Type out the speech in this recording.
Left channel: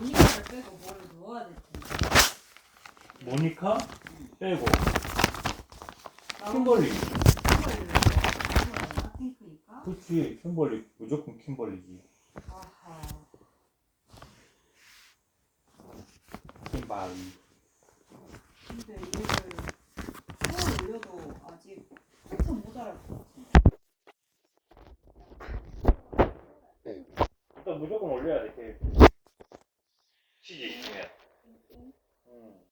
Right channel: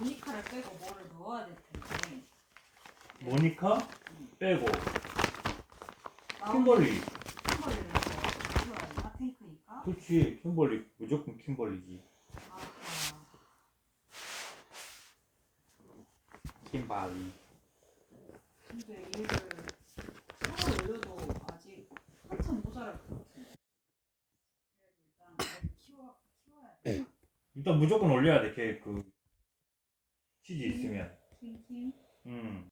모니카를 빼고. 뭐를 넣어야 될 텐데. 모니카 빼고 아, 킴벌리. 킴벌리를 그렇지 킴벌리. 무조건 킴벌리지. 킴발리 근데 얘를 손을 올려도 아직 한참 모자랄 것 같은데. 네. 일단 무조건 올려야 돼 계획 그 谢谢训练。嗯。